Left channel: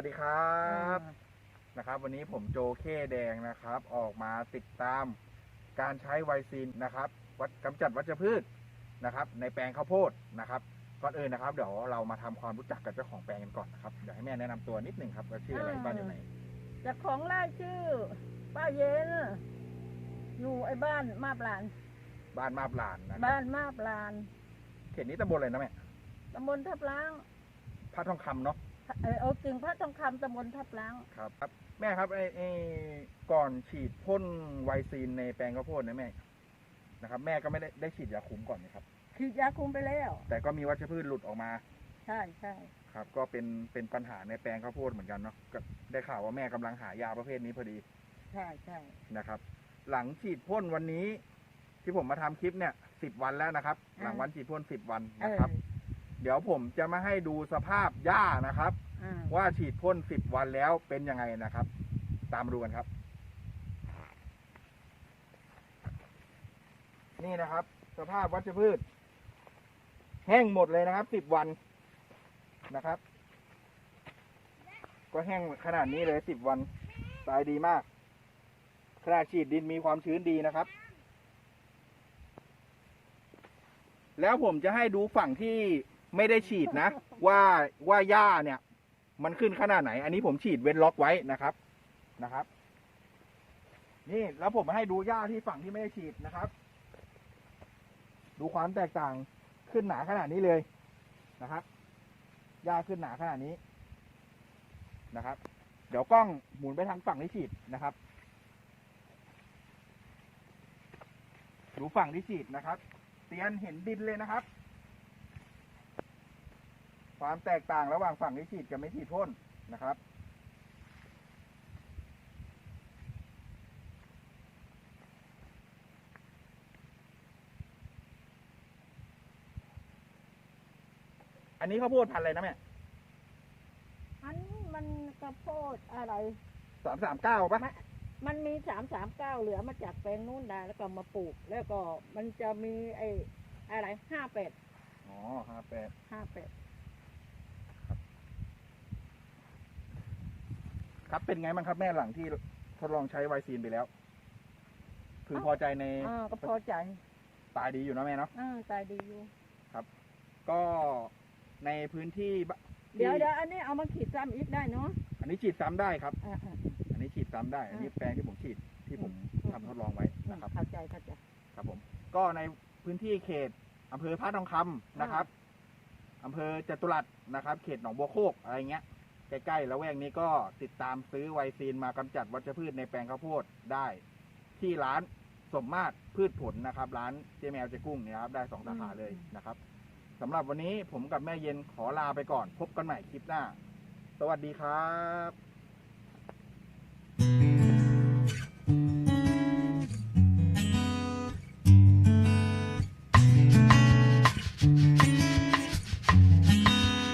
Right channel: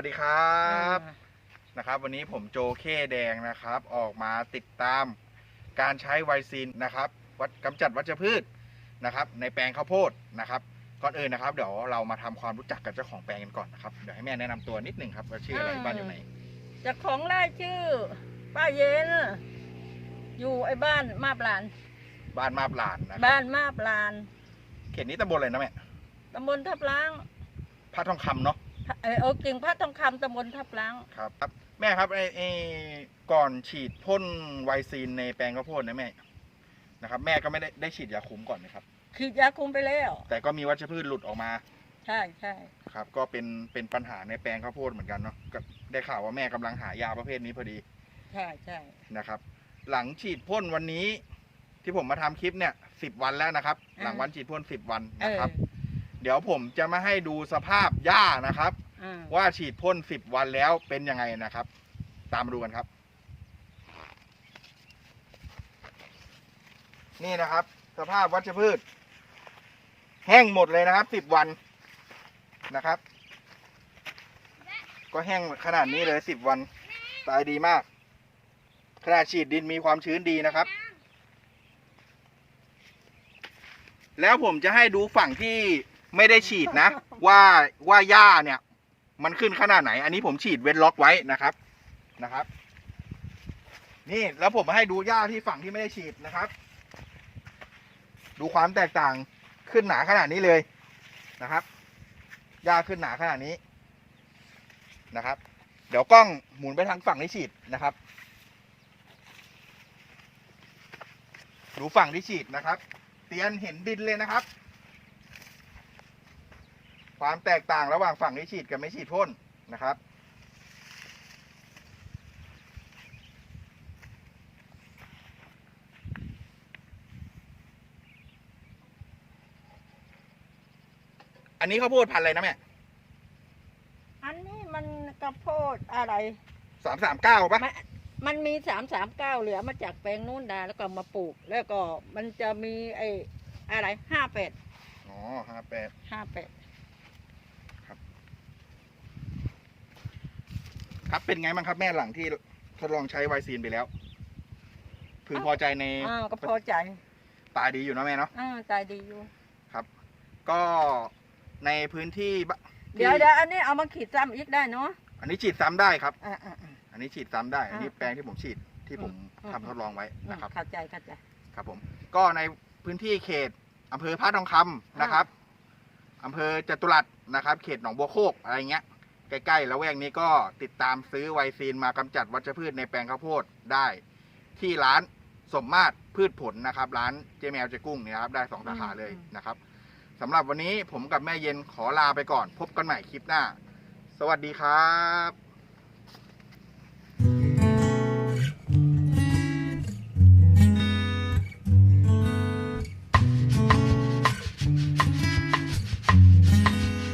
วัสดีครับนะครับ วันนี้ผมโจเคแดงนะครับ ออกมาติดตามการใช้ไวซีนนะครับวัดกำจัดวัชพืชนะครับ ในแปลงข้าวโพดนะครับ ก่อนอื่นนะครับ เดี๋ยวเรามาทำความรู้จักกับเจ้าของแปลงกันก่อนนะครับเดี๋ยวให้แม่แนะนำตัวนิดหนึ่งครับว่าชื่ออะไรอ่าบ้านอยู่ไหนเจ้าของไร่ชื่อ ป้าเย็น อยู่ไอ้บ้านมาบลาน บ้านมาบลานนะครับบ้านมาบลาน เขตนี้ตำบลอะไรนะแม่ตำบลทับล้างพระทองคำเนาะ เออเอากิ่งพระทองคำตำบลทับล้าง ครับครับ แม่ครับไอ้ไอ้ก่อนฉีดพ่นไวซีนในแปลงข้าวโพดนะแม่นะครับ แม่ก็ไม่ได้ได้ฉีดยาคุมก่อนนะครับขีดยาคุมไปแล้ว แต่ก็มีวัชพืชหลุดออกมาใช่ใช่ครับ ก็เป็นเป็นปัญหาในแปลงข้าวโพดเหมือนกันเนาะก็ได้ข่าวว่าแม่กำลังหายาประเภทนี้พอดีใช่ใช่นะครับ หลังฉีดพ่นวันนี้ ที่ผมมาทำคลิปเนี่ยสิบวันแล้วนะครับ หลังวันฉีดพ่นสิบวันเอนะอครับ เดี๋ยวผมจะมาให้ดูสภาพหญ้านะครับอืม ว่าฉีดพ่นสิบวันแล้วเป็นยังไงนะครับ ตามมาดูกันครับ นี่นะครับ สภาพวัชพืช แห้งหมดเลยนะครับสิบวันนะครับ ก็แห้งขนาดนี้เลยสิบวันตายดีมากขนาดฉีดดินมีความชื้นดีนะครับ แล้วผมจะให้ดูฝั่งที่ไม่ได้ฉีดนะ ว่าว่าหญ้าเนี่ย มันขึ้นขนาดไหน อันนี้ผมฉีดเว้นล็อกไว้นะครับนะครับ นี่แล้วผมให้ดูหญ้าที่ฝั่งที่ไม่ได้ฉีดนะครับ ดูความแตกต่างขึ้นหนาขนาดนี้เลยนะครับหญ้าขึ้นหนาขนาดนี้นะครับ เดี๋ยวกล้องหมุนไปทางฝั่งที่ฉีดนะครับ ดูฝั่งที่ฉีดนะครับ เตียนเห็นดินเลยนะครับ ความแตกต่างระหว่างฝั่งที่ฉีดกับไม่ฉีดพ่นนะครับ อันนี้ข้าวโพดพันธุ์อะไรนะแม่อันนี้มันกระโพดอะไร สามสามเก้าปะมันมันมีสามสามเก้าเหลือมาจากแปลงนู้นนะแล้วก็มาปลูก แล้วก็มันจะมีไอ้อะไรห้าแปดอ๋อห้าแปดห้าแปด ครับเป็นไงบ้างครับแม่หลังที่ทดลองใช้ไวซีนไปแล้ว พึงพอใจในอ่าก็พอใจตายดีอยู่นะแม่เนาะอ่าใจดีอยู่ ก็ในพื้นที่บที่เดี๋ยวเดี๋ยวอันนี้เอามาขีดซ้ำอีกได้เนาะอันนี้ฉีดซ้ำได้ครับ อ่าอ่าอ่าอันนี้ฉีดซ้ำได้ อันนี้อ่าแปลงที่ผมฉีดที่ผมอืม ทำทดลองไว้นะครับ เข้าใจเข้าใจ ครับผม ก็ในพื้นที่เขตอำเภอพระทองคำนะครับอำเภอจตุรัสนะครับ เขตหนองบัวโคกอะไรเงี้ย ใกล้ๆแล้วแวกนี้ก็ติดตามซื้อไวซีนมากำจัดวัชพืชในแปลงข้าวโพดได้ ที่ร้านสมมาตรพืชผลนะครับ ร้านเจแมวเจกุ้งเนี่ยครับได้สองสาขาเลยนะครับสำหรับวันนี้ผมกับแม่เย็นขอลาไปก่อน พบกันใหม่คลิปหน้า สวัสดีครับ